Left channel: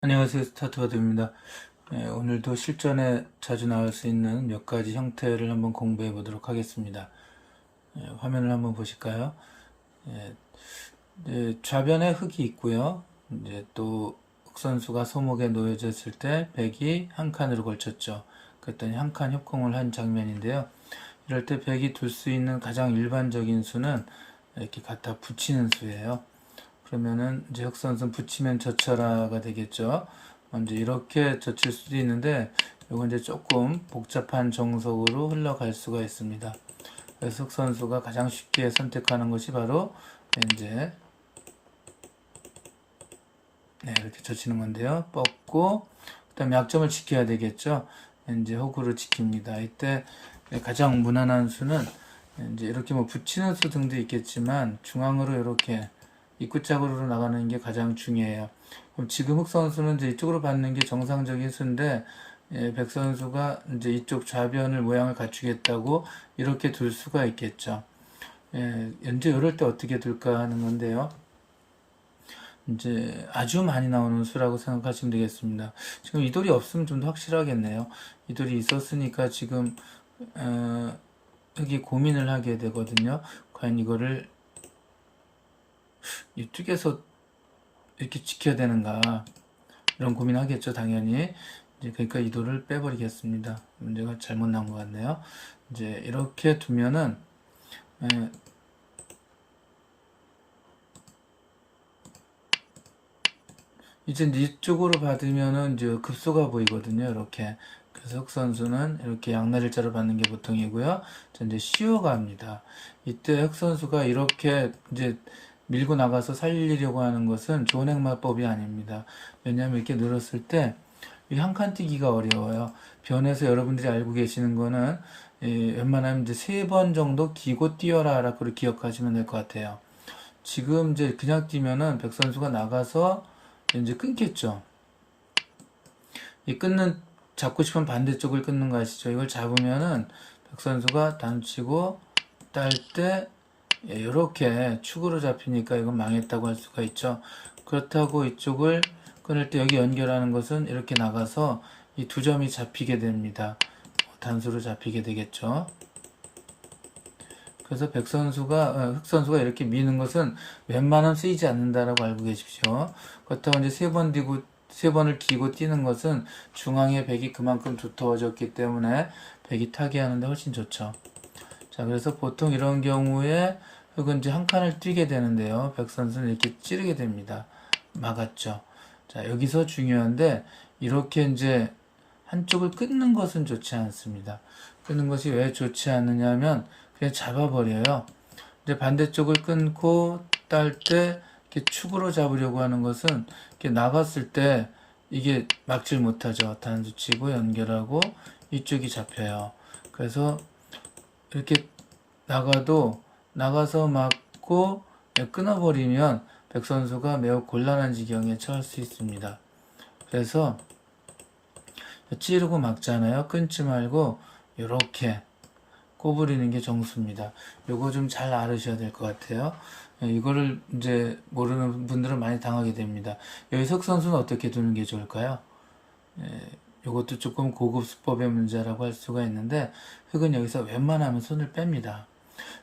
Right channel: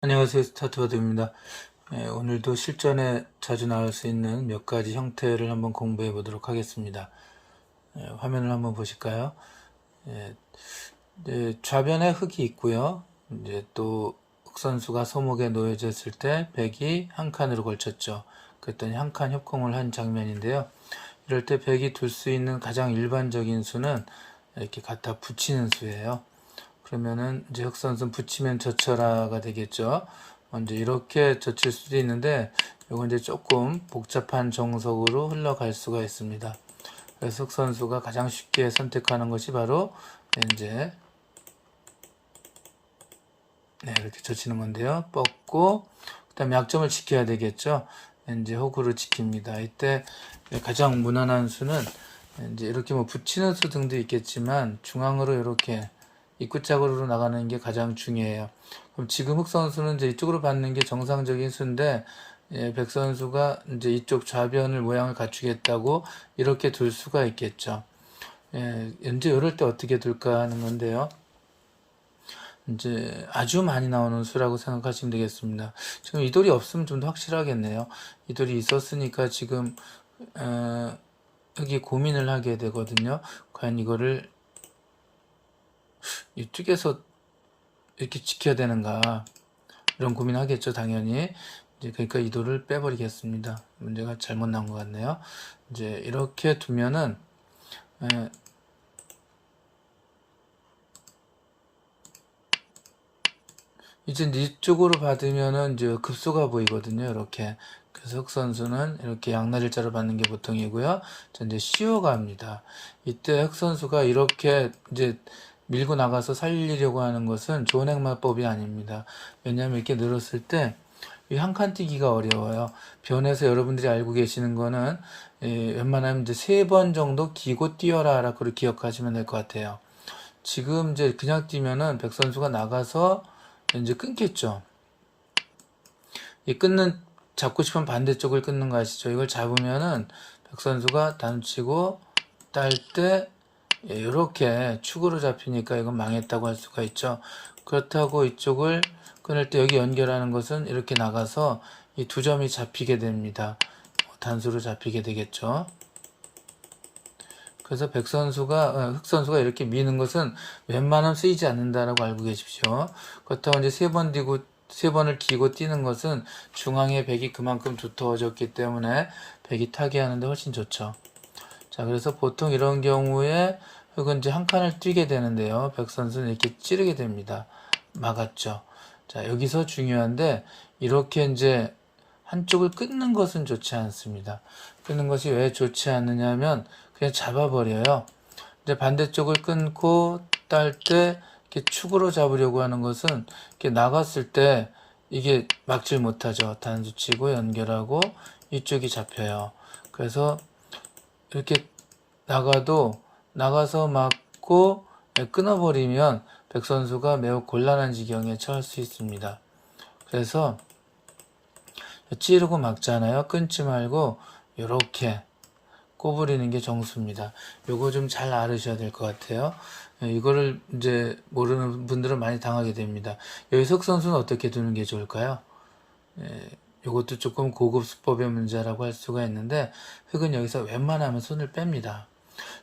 안녕하세요. 스타트바드입니다. 오늘도 실전에 자주 나올 수 있는 몇 가지 형태를 한번 공부해 보도록 하겠습니다. 화면을 한번 보실까요? 예, 좌변에 흙이 있고요. 이제 또 흑선수가 소목에 놓여져 있을 때 백이 한 칸으로 걸쳤죠. 그랬더니 한 칸 협공을 한 장면인데요. 이럴 때 백이 둘 수 있는 가장 일반적인 수는 이렇게 갖다 붙이는 수예요. 그러면은 이제 흑선수는 붙이면 젖혀라가 되겠죠. 먼저 이렇게 젖힐 수도 있는데 이건 이제 조금 복잡한 정석으로 흘러갈 수가 있습니다. 그래서 흑선수가 가장 쉽게 선택하는 것이 바로 이제 이렇게 젖히는 건데요. 뻗고 그다음에 약점을 지켜야 되겠죠. 이제 호구를 지킵니다. 이때 가장 무난한 수는 이제 이렇게 뭐 붙이는 수 등도 있겠지만 중앙으로 이렇게 입구짝으로 나가는 게 가장 중요해요. 그럼 지금 흑 선수는 이제 이쪽으로 받는 게 정상적인 수인데 백 선수가 이제 이쪽 좌변을 모양을 갖추겠다고 이렇게 둘 수가 있겠죠. 현재 이럴 때 어떻게 둘까 하는 건데요. 이제 아주 많이 나오는 수라고 생각하시면 되겠습니다. 지금 이 돌이 없으면 좀 더 확실하겠네요. 이 돌이 있었으니까 지금 여기 고민을 하게 되거든요. 과연 이거를 이쪽에서 이렇게 지켜야 되는가 이런 고민하겠죠 당연히. 이제 그러니까 이 돌을 빼버리겠습니다. 문제가 잘못 나온 것 같네요. 이제 이렇게 두면은 이제 이쪽으로 받으면은 이제 급소가 보이거든요. 이렇게. 그래서 흑 선수는 이렇게 양날일자로 받는 게 보통이고요. 자, 이제 시오가 합니다. 이때 흑 선수가 이렇게 이제 밀고 나가서 살리려고 하는 것은 좋은 행마법이 아닙니다. 왜냐하면 이렇게 늘었을 때 이 한 칸 뛰기가 어려워요. 변에서 여러분들이 알고 계시는 거는 웬만하면 이제 3번 정도 기고 뛰어라 라고 기억하시면 될 것 같아요. 지금 이제 그냥 뛰면은 백 선수가 나가서 이제 끊겠죠. 이 끊는 잡고 싶은 반대쪽을 끊는 거 아시죠? 이걸 잡으면은 백 선수가 단치고 딸 때 이렇게 축으로 잡히니까 이건 망했다고 할 수가 있죠. 그렇다고 이쪽을 끊을 때 여기 연결하는 것은 이렇게 나가서 이 두 점이 잡히게 됩니다. 단수로 잡히게 되겠죠. 그래서 백 선수가 흑 선수가 이렇게 미는 것은 웬만하면 쓰이지 않는다라고 알고 계십시오. 그렇다고 이제 세 번을 기고 뛰는 것은 중앙에 백이 그만큼 두터워졌기 때문에 백이 타게 하는데 훨씬 좋죠. 자, 그래서 보통 이런 경우에 흑은 이제 한 칸을 뛰게 되는데요. 백 선수는 이렇게 찌르게 됩니다. 막았죠. 자, 여기서 중요한데 이렇게 이제 한쪽을 끊는 것은 좋지 않습니다. 끊는 것이 왜 좋지 않느냐 하면 그냥 잡아버려요. 이제 반대쪽을 끊고 딸 때 이렇게 축으로 잡으려고 하는 것은 이렇게 나갔을 때 이게 막질 못하죠. 단수 치고 연결하고 이쪽이 잡혀요. 그래서 이렇게 나가서 막고 끊어버리면 백 선수가 매우 곤란한 지경에 처할 수 있습니다. 그래서 찌르고 막잖아요. 끊지 말고 이렇게 꼬부리는 게 정수입니다. 요거 좀 잘 알으셔야 될 것 같아요. 이거를 이제 모르는 분들은 많이 당하게 됩니다. 여기서 흑 선수는 어떻게 두는 게 좋을까요? 요것도 조금 고급 수법의 문제라고 할 수가 있는데 흑은 여기서 웬만하면 손을 뺍니다.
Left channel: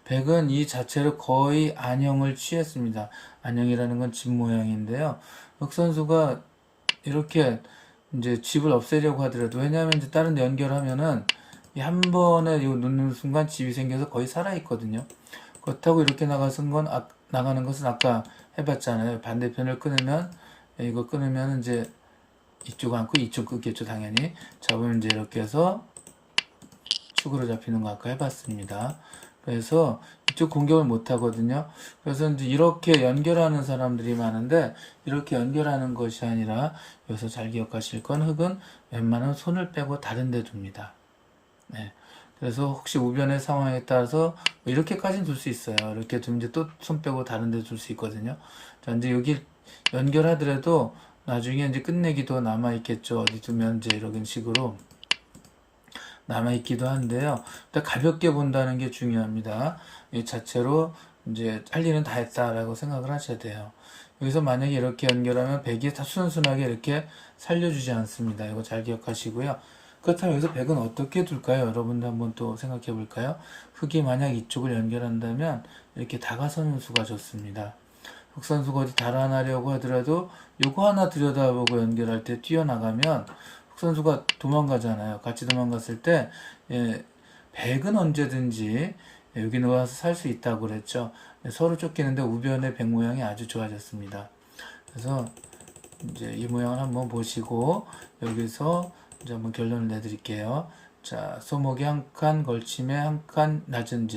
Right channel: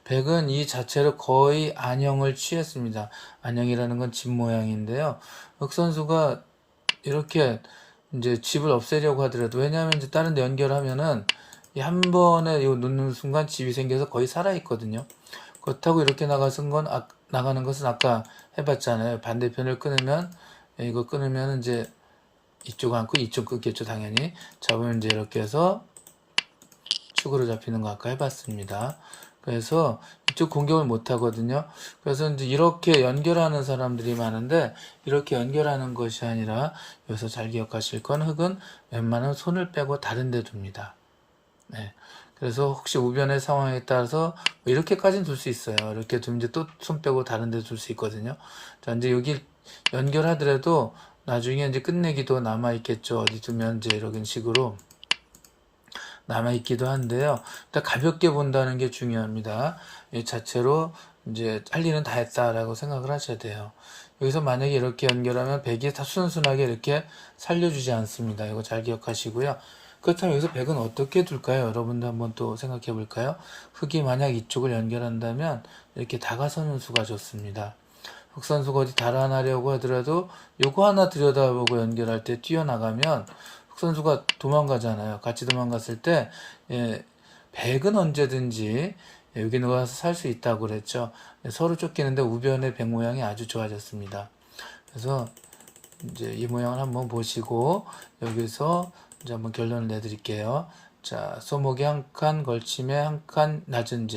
백은 이 자체로 거의 안형을 취했습니다. 안형이라는 건 집 모양인데요. 흑 선수가 이렇게 이제 집을 없애려고 하더라도 왜냐하면 이제 다른 데 연결하면은 이 한 번에 이 놓는 순간 집이 생겨서 거의 살아있거든요. 그렇다고 이렇게 나가는 것은 아까 해봤잖아요. 반대편을 끊으면 이거 끊으면 이제 이쪽 안고 이쪽 끊겠죠 당연히. 잡으면 이제 이렇게 해서 축으로 잡히는 거 아까 해봤습니다. 그래서 이쪽 공격을 못 하거든요. 그래서 이제 이렇게 연결하는 사람들이 많은데 이렇게 연결하는 것이 아니라 여기서 잘 기억하실 건 흑은 웬만하면 손을 빼고 다른 데 둡니다. 네. 그래서 혹시 우변의 상황에 따라서 이렇게까지는 둘 수 있어요. 이렇게 두면 이제 또 손 빼고 다른 데 둘 수 있거든요. 자, 이제 여기 연결하더라도 나중에 이제 끝내기도 남아있겠죠. 어디 두면 이제 이런 식으로 남아있기도 한데요. 일단 가볍게 본다는 게 중요합니다. 이 자체로 이제 할 일은 다 했다라고 생각을 하셔야 돼요. 여기서 만약에 이렇게 연결하면 백이 다 순순하게 이렇게 살려주지 않습니다. 이거 잘 기억하시고요. 그렇다면 여기서 백은 어떻게 둘까요? 여러분도 한번 또 생각해 볼까요? 흑이 만약 이쪽을 연결한다면 이렇게 다가서는 수가 좋습니다. 흑선수가 어디 달아나려고 하더라도 요거 하나 들여다보고 연결할 때 뛰어나가면 흑선수가 도망가잖아요. 같이 도망갔을 때 백은 언제든지 여기 나와서 살 수 있다고 그랬죠. 서로 쫓기는데 우변의 백 모양이 아주 좋아졌습니다. 그래서 이제 이 모양을 한번 보시고 여기서 이제 한번 결론을 내드릴게요. 자, 소목이 한 칸 걸침에 한 칸 낮은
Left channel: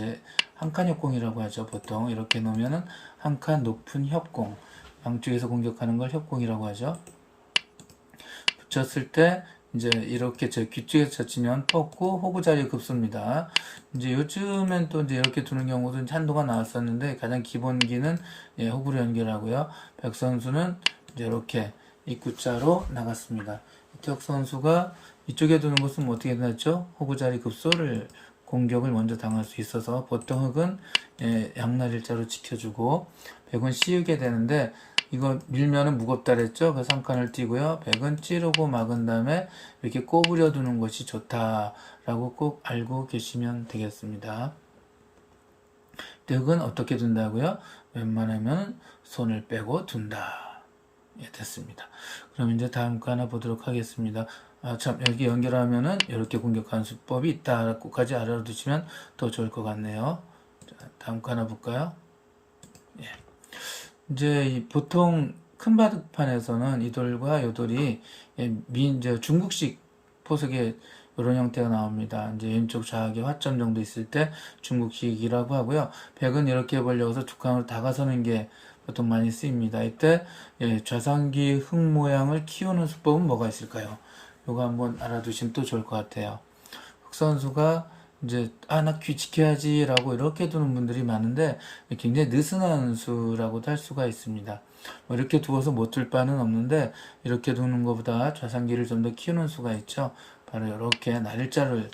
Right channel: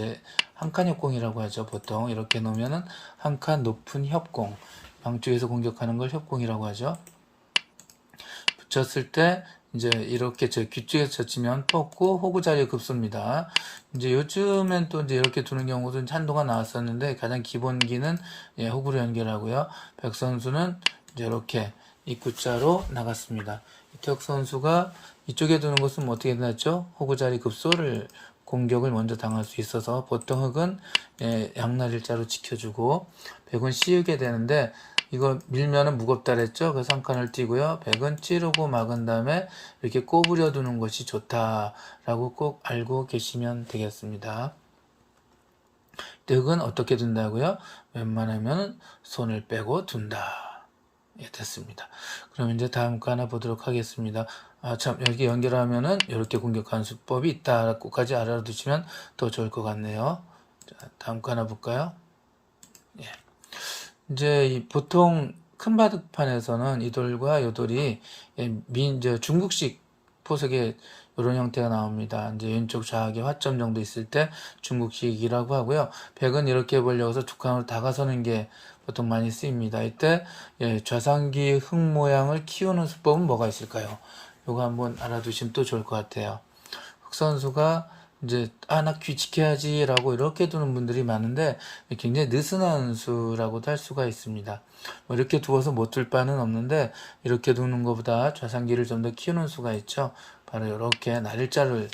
한 칸 협공이라고 하죠. 보통 이렇게 놓으면은 한 칸 높은 협공, 양쪽에서 공격하는 걸 협공이라고 하죠. 붙였을 때 이제 이렇게 귀쪽에서 젖히면 뻗고 호구 자리에 급소입니다. 이제 요즘엔 또 이제 이렇게 두는 경우도 한도가 나왔었는데 가장 기본기는 호구로 연결하고요. 백 선수는 이제 이렇게 입구자로 나갔습니다. 이태혁 선수가 이쪽에 두는 것은 뭐 어떻게 되나죠? 호구 자리 급소를 공격을 먼저 당할 수 있어서 보통 흑은 양날일자로 지켜주고 백은 씌우게 되는데 이거 밀면은 무겁다 그랬죠? 그래서 한 칸을 띄고요. 백은 찌르고 막은 다음에 이렇게 꼬부려 두는 것이 좋다라고 꼭 알고 계시면 되겠습니다. 흑은 어떻게 둔다고요? 웬만하면 손을 빼고 둔다. 예, 됐습니다. 그럼 이제 다음 거 하나 보도록 하겠습니다. 참, 여기 연결하면은 이렇게 공격하는 수법이 있다고까지 알아두시면 더 좋을 것 같네요. 자, 다음 거 하나 볼까요? 예. 이제 보통 큰 바둑판에서는 이 돌과 이 돌이 이제 중국식 포석의 이런 형태가 나옵니다. 이제 왼쪽 좌악에 화점 정도 있을 때 중국식이라고 하고요. 백은 이렇게 해보려고 해서 두 칸으로 다가서는 게 보통 많이 쓰입니다. 이때 좌상기 흙 모양을 키우는 수법은 뭐가 있을까요? 이거 한번 알아두시면 또 좋을 것 같아요. 흑 선수가 이제 나 귀 지켜야지 라고 이렇게 두는 분들이 많은데 굉장히 느슨한 수라고도 할 수가 있습니다. 뭐 이렇게 두어서 못 둘 바는 없는데 이렇게 두는 것보다 좌상기를 좀 더 키우는 수가 있죠. 바로 이렇게 날일자를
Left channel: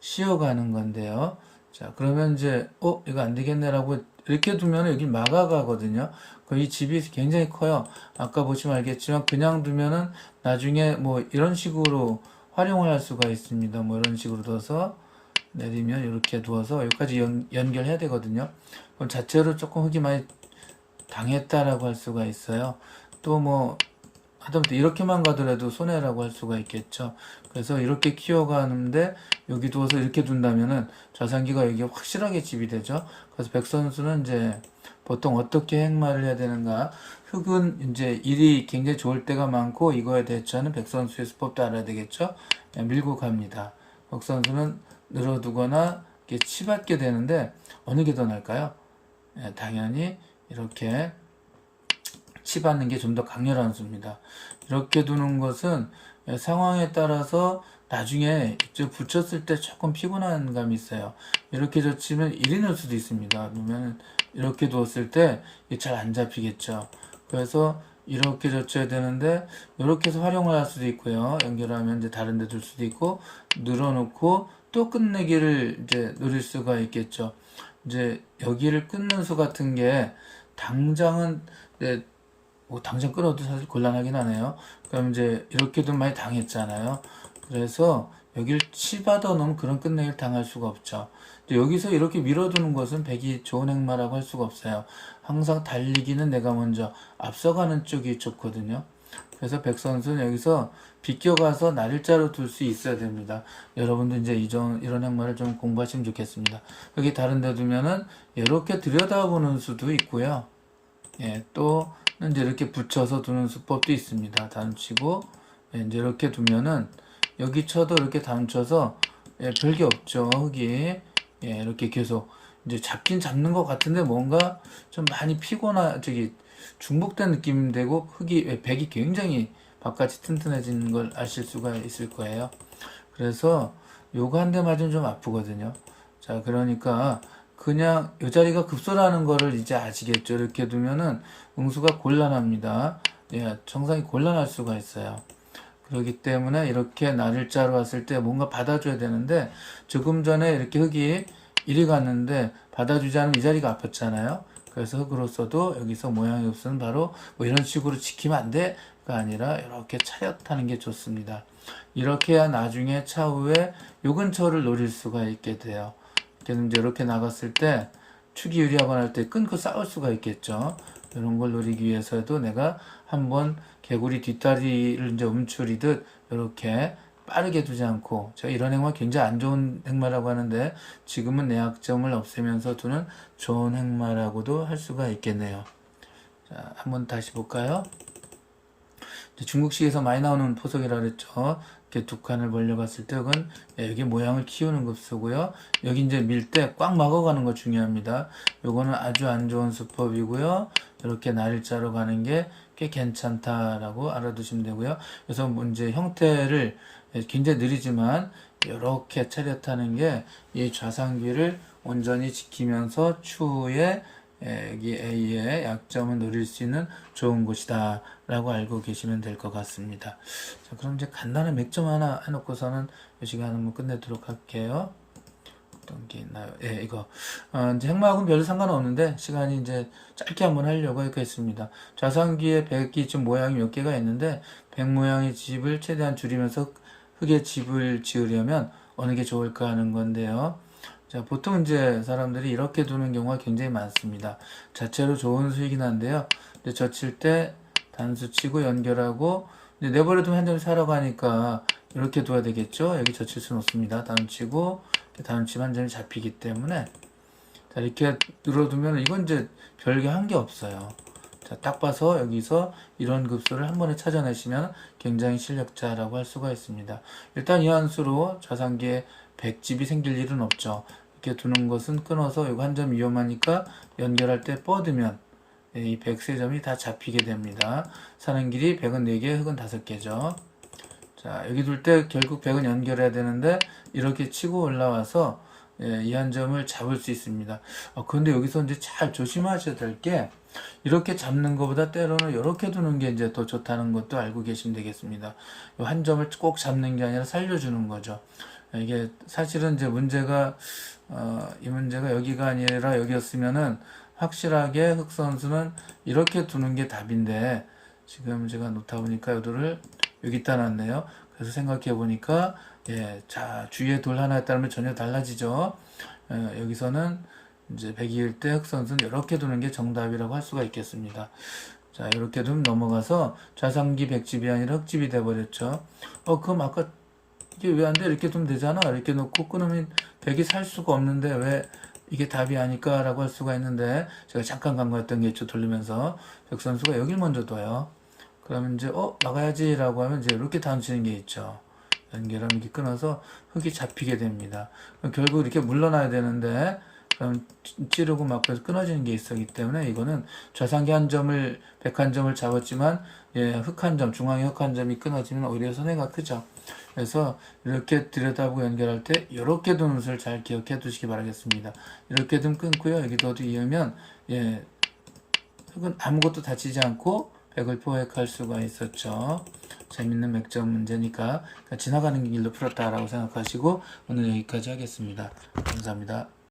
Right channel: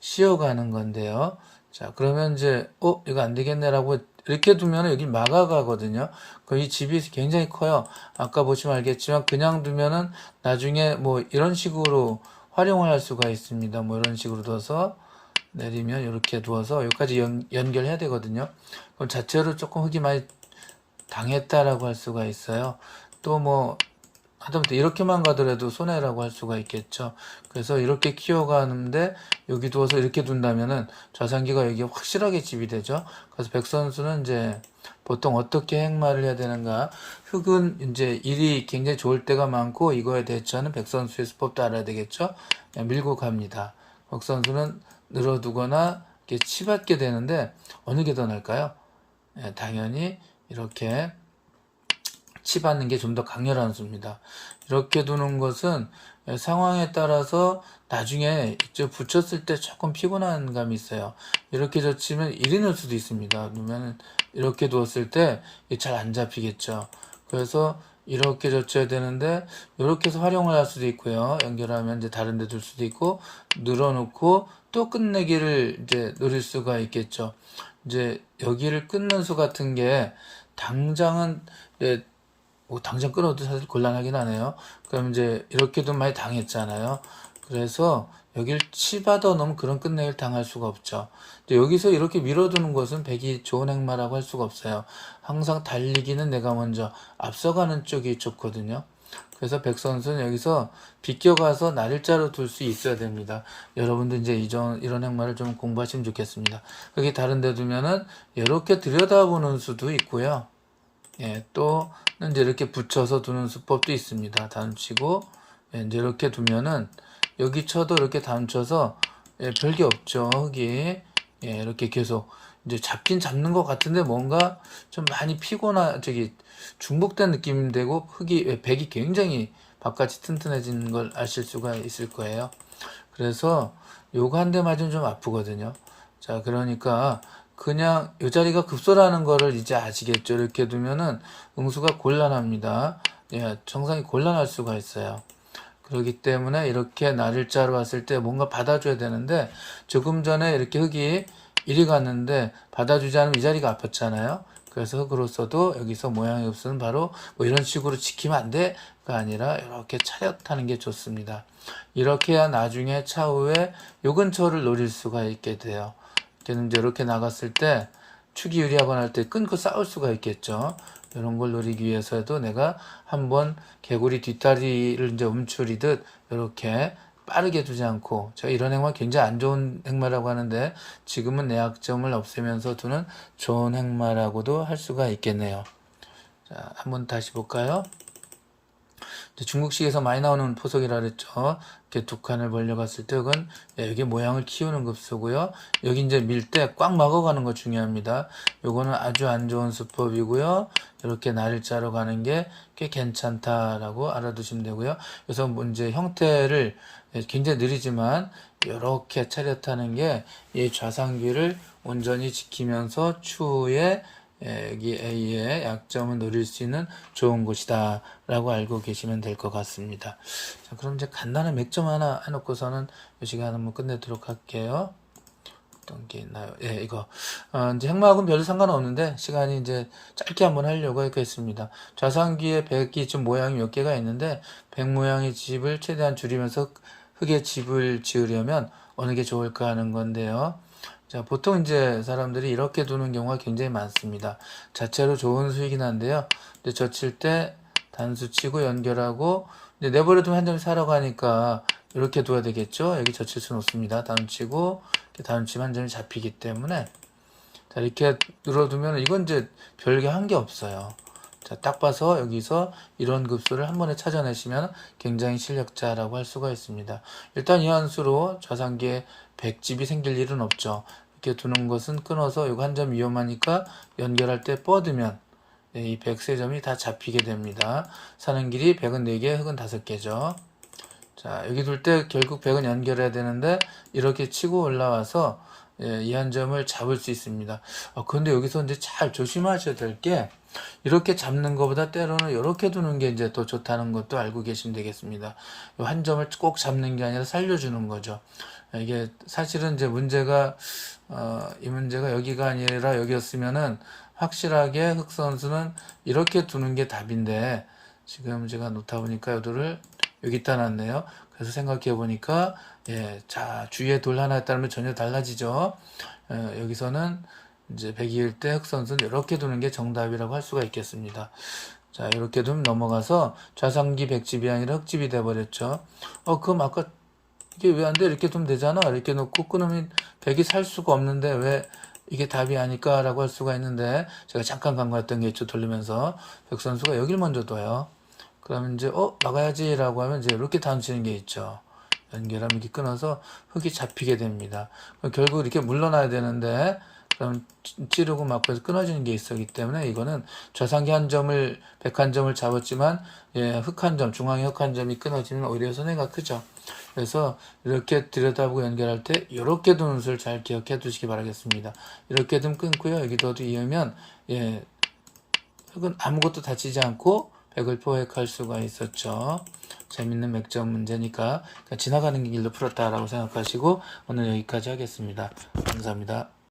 씌워가는 건데요. 자, 그러면 이제 이거 안 되겠네라고 이렇게 두면 여기 막아가거든요. 이 집이 굉장히 커요. 아까 보시면 알겠지만 그냥 두면은 나중에 뭐 이런 식으로 활용을 할 수가 있습니다. 뭐 이런 식으로 둬서 내리면 이렇게 두어서 여기까지 연결해야 되거든요. 그럼 자체로 조금 흙이 많이 당했다라고 할 수가 있어요. 또 뭐 하다못해 이렇게만 가더라도 손해라고 할 수가 있겠죠. 그래서 이렇게 키워가는데 여기 두어서 이렇게 둔다면은 좌상기가 여기 확실하게 집이 되죠. 그래서 백 선수는 이제 보통 어떻게 행마를 해야 되는가? 흑은 이제 일이 굉장히 좋을 때가 많고 이거에 대처하는 백 선수의 수법도 알아야 되겠죠. 밀고 갑니다. 백 선수는 늘어두거나 이렇게 치받게 되는데 어느 게 더 나을까요? 당연히 이렇게 치받는 게 좀 더 강렬한 수입니다. 이렇게 두는 것은 상황에 따라서 나중에 이제 붙였을 때 조금 피곤한 감이 있어요. 이렇게 젖히면 일이 날 수도 있습니다. 그러면 이렇게 두었을 때 잘 안 잡히겠죠. 그래서 이렇게 젖혀야 되는데 이렇게 해서 활용을 할 수도 있고요. 연결하면 이제 다른 데 둘 수도 있고 늘어놓고 또 끝내기를 이제 노릴 수가 있겠죠. 이제 여기를 끊는 수 같은 게 당장은 뭐 당장 끊어도 사실 곤란하긴 하네요. 그럼 이제 이렇게도 많이 당했잖아요. 그래서 여길 치받아 놓으면 그런 끝내기를 당할 수가 없죠. 여기서 이렇게 밀어두는 것은 백이 좋은 행마라고 할 수가 없어요. 항상 달리기는 내가 먼저 앞서가는 쪽이 좋거든요. 그래서 백 선수는 여기서 비껴가서 날일자로 둘 수 있어야 됩니다. 여러분들 이제 이런 행마를 좀 공부하시면 좋겠습니다. 여기 다른 데 두면은 이렇게 들여다보는 수도 있고요. 또 이제 이렇게 붙여서 두는 수법도 있습니다. 다음치고 이제 이렇게 두면은 여기 쳐도 이렇게 다음쳐서 별게 없죠. 흙이 이렇게 계속 이제 잡긴 잡는 것 같은데 뭔가 좀 많이 피곤한 중복된 느낌 되고 흙이 백이 굉장히 바깥이 튼튼해진 걸 아실 수가 있을 거예요. 그래서 요거 한 대 맞으면 좀 아프거든요. 자, 그러니까 그냥 이 자리가 급소라는 거를 이제 아시겠죠. 이렇게 두면은 응수가 곤란합니다. 정상이 곤란할 수가 있어요. 그렇기 때문에 이렇게 날일자로 왔을 때 뭔가 받아줘야 되는데 조금 전에 이렇게 흙이 이리 갔는데 받아주지 않으면 이 자리가 아팠잖아요. 그래서 흙으로서도 여기서 모양의 흡수는 바로 뭐 이런 식으로 지키면 안 돼가 아니라 이렇게 차렷하는 게 좋습니다. 이렇게 해야 나중에 차후에 요 근처를 노릴 수가 있게 돼요. 걔는 이제 이렇게 나갔을 때 축이 유리하거나 할 때 끊고 싸울 수가 있겠죠. 이런 걸 노리기 위해서도 내가 한번 개구리 뒷다리를 이제 움츠리듯 이렇게 빠르게 두지 않고, 제가 이런 행마 굉장히 안 좋은 행마라고 하는데 지금은 내 약점을 없애면서 두는 좋은 행마라고도 할 수가 있겠네요. 자, 한번 다시 볼까요? 중국식에서 많이 나오는 포석이라 그랬죠. 이렇게 두 칸을 벌려갔을 때 이건 여기 모양을 키우는 급수고요. 여기 이제 밀 때 꽉 막아가는 거 중요합니다. 요거는 아주 안 좋은 수법이고요. 이렇게 날을 자러 가는 게 꽤 괜찮다라고 알아두시면 되고요. 그래서 이제 형태를 굉장히 느리지만 이렇게 차렷하는 게 이 좌상귀를 온전히 지키면서 추후에 여기 A의 약점을 노릴 수 있는 좋은 곳이다 라고 알고 계시면 될 것 같습니다. 자, 그럼 이제 간단한 맥점 하나 해놓고서는 이 시간 한번 끝내도록 할게요. 어떤 게 있나요? 예, 이거. 이제 행마하고는 별로 상관없는데, 시간이 이제 짧게 한번 하려고 했겠습니다. 좌상귀에 백이 좀 모양이 몇 개가 있는데, 백 모양의 집을 최대한 줄이면서 흙의 집을 지으려면 어느 게 좋을까 하는 건데요. 자, 보통 이제 사람들이 이렇게 두는 경우가 굉장히 많습니다. 자체로 좋은 수이긴 한데요. 이제 젖힐 때 단수 치고 연결하고, 이제 내버려두면 한 점을 사러 가니까 이렇게 둬야 되겠죠? 여기 젖힐 수는 없습니다. 단수 치고, 단수 치면 한 점이 잡히기 때문에. 자, 이렇게 늘어두면 이건 이제 별게 한 게 없어요. 자, 딱 봐서 여기서 이런 급수를 한 번에 찾아내시면 굉장히 실력자라고 할 수가 있습니다. 일단 이 한수로 좌상기에 100집이 생길 일은 없죠. 이렇게 두는 것은 끊어서 이거 한 점 위험하니까 연결할 때 뻗으면 이 100세점이 다 잡히게 됩니다. 사는 길이 100은 4개, 흙은 5개죠. 자, 여기 둘 때 결국 100은 연결해야 되는데 이렇게 치고 올라와서 이 한 점을 잡을 수 있습니다. 그런데 여기서 이제 잘 조심하셔야 될 게 이렇게 잡는 것보다 때로는 이렇게 두는 게 이제 더 좋다는 것도 알고 계시면 되겠습니다. 한 점을 꼭 잡는 게 아니라 살려주는 거죠. 이게 사실은 이제 문제가 이 문제가 여기가 아니라 여기였으면은 확실하게 흑 선수는 이렇게 두는 게 답인데 지금 제가 놓다 보니까 요도를 여기다 놨네요. 그래서 생각해 보니까 예, 자 주위에 돌 하나에 따르면 전혀 달라지죠. 여기서는 이제 100이일 때 흑 선수는 이렇게 두는 게 정답이라고 할 수가 있겠습니다. 자 이렇게 두면 넘어가서 좌상기 100집이 아니라 흑집이 돼버렸죠. 그럼 아까 이게 왜 안 돼? 이렇게 두면 되잖아. 이렇게 놓고 끊으면 100이 살 수가 없는데 왜 이게 답이 아닐까? 라고 할 수가 있는데 제가 잠깐 간과했던 게 있죠. 돌리면서 백 선수가 여길 먼저 둬요. 그러면 이제 막아야지 라고 하면 이제 이렇게 단수는 게 있죠. 연결하면 이렇게 끊어서 흙이 잡히게 됩니다. 결국 이렇게 물러나야 되는데 그럼 찌르고 막고 끊어지는 게 있었기 때문에 이거는 좌상기 한 점을 100한 점을 잡았지만 흙 한 점, 중앙에 흙 한 점이 끊어지면 오히려 손해가 크죠. 그래서 이렇게 들여다보고 연결할 때 이렇게 두는 수를 잘 기억해 두시기 바라겠습니다. 이렇게 좀 끊고요. 여기도 이으면 흙은 아무것도 다치지 않고 100을 포획할 수가 있었죠. 재밌는 맥점 문제니까 지나가는 길로 풀었다라고 생각하시고 오늘 여기까지 하겠습니다. 감사합니다.